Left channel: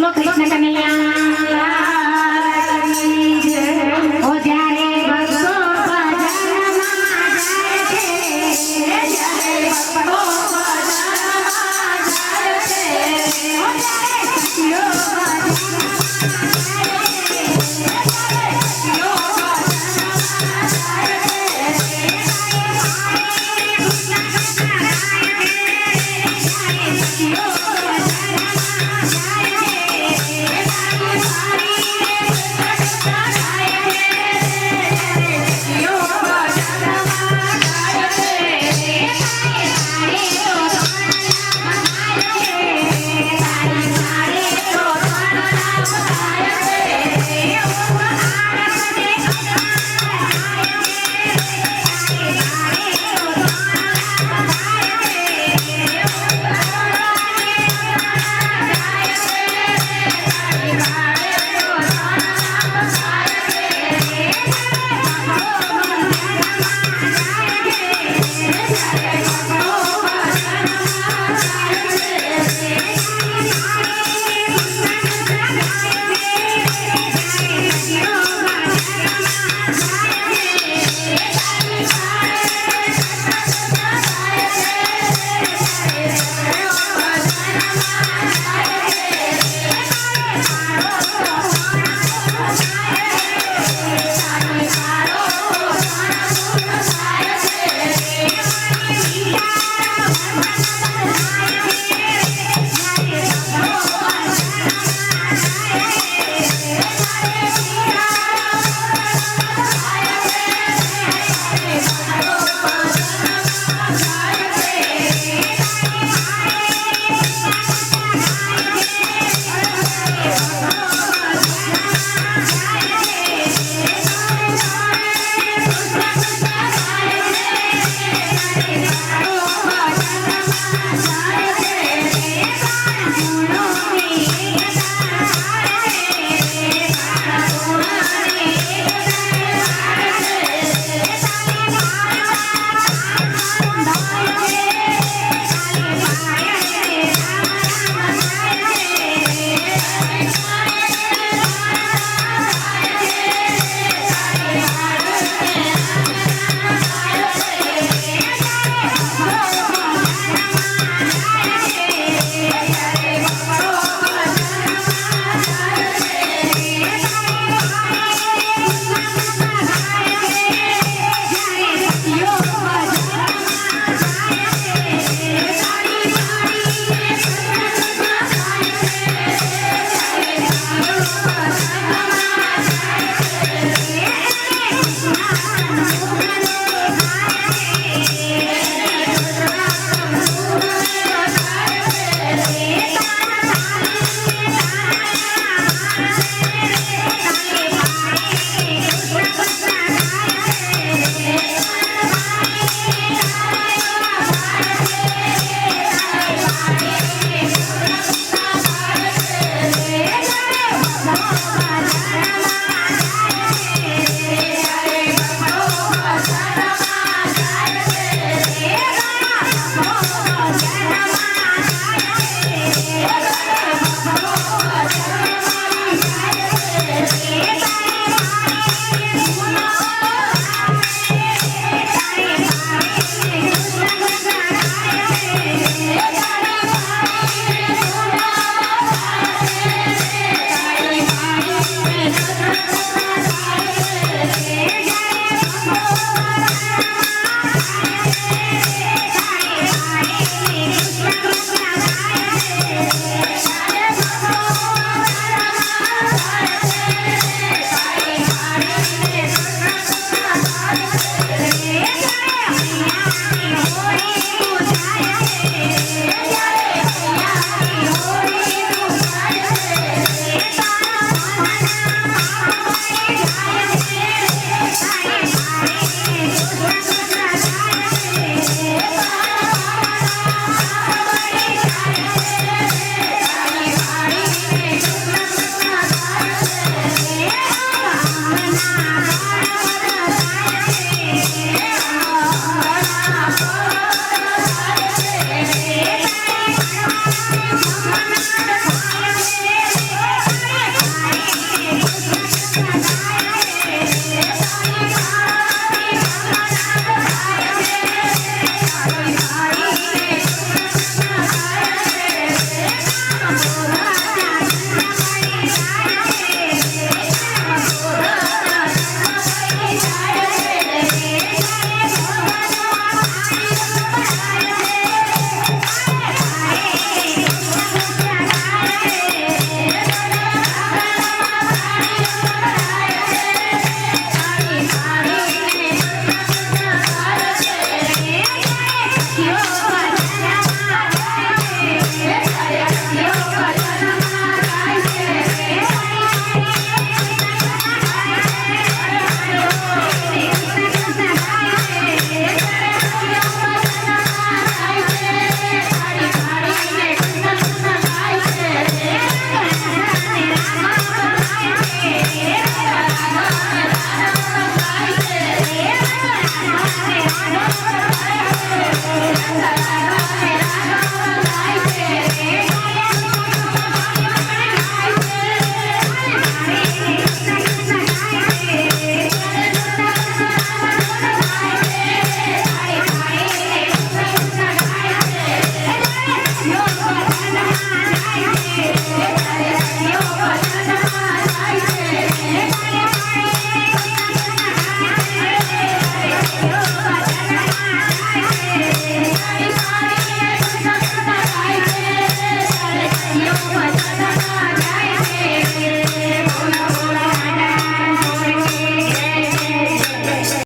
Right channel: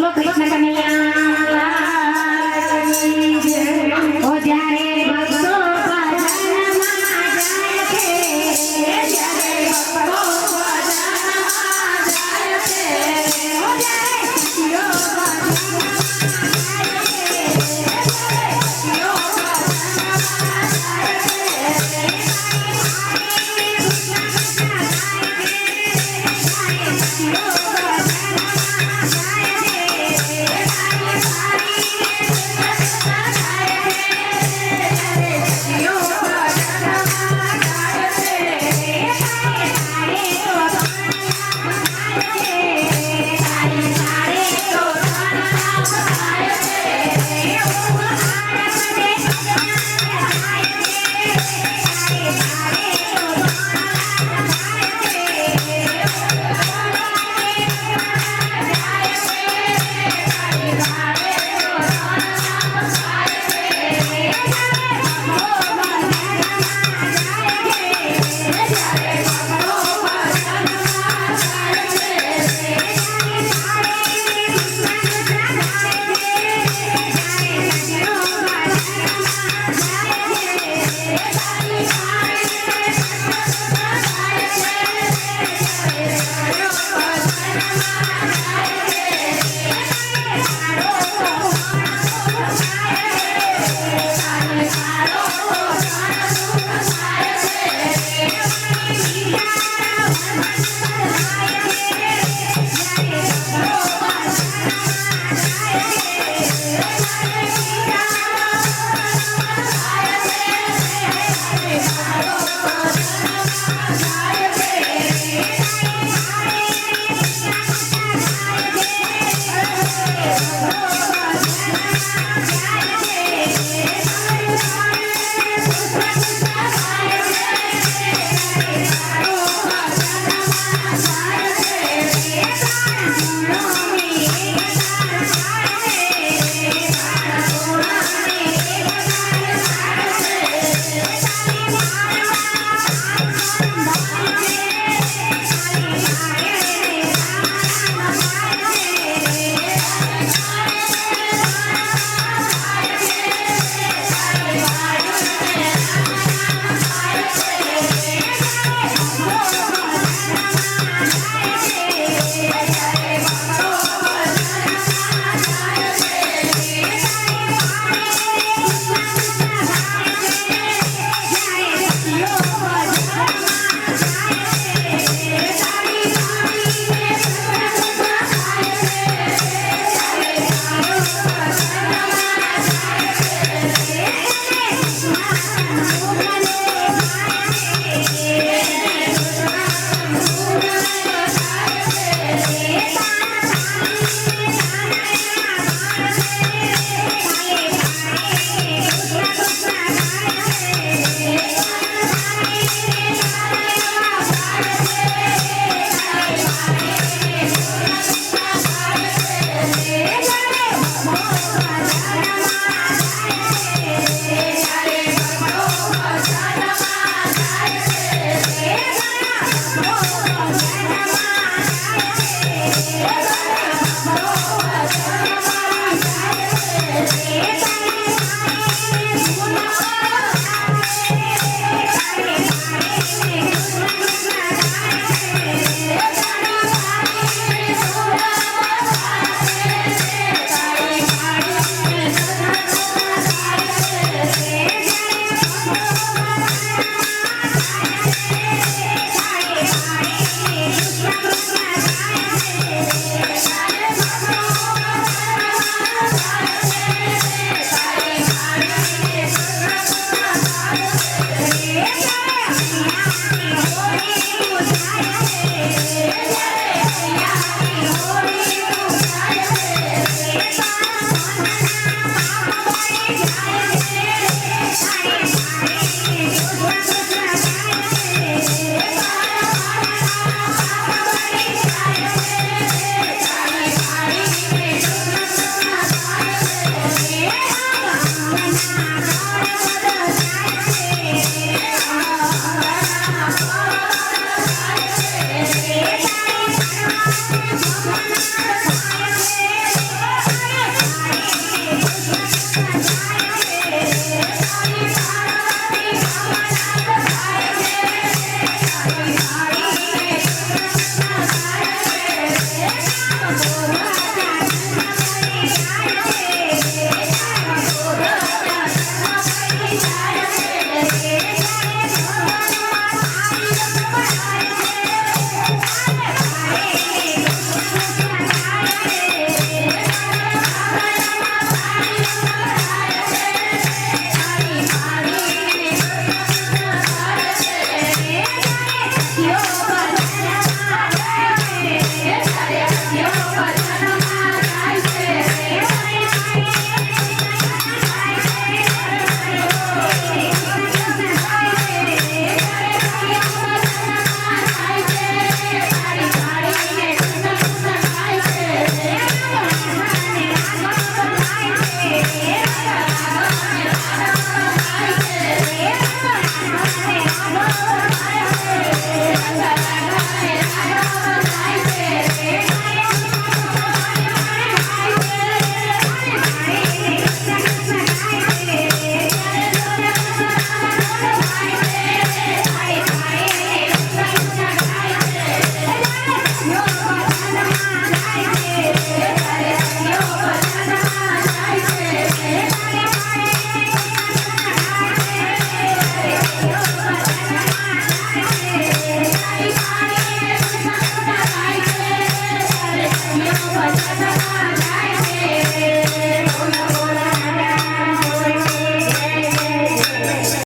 Tulog, tulog na kami lang. Thank you.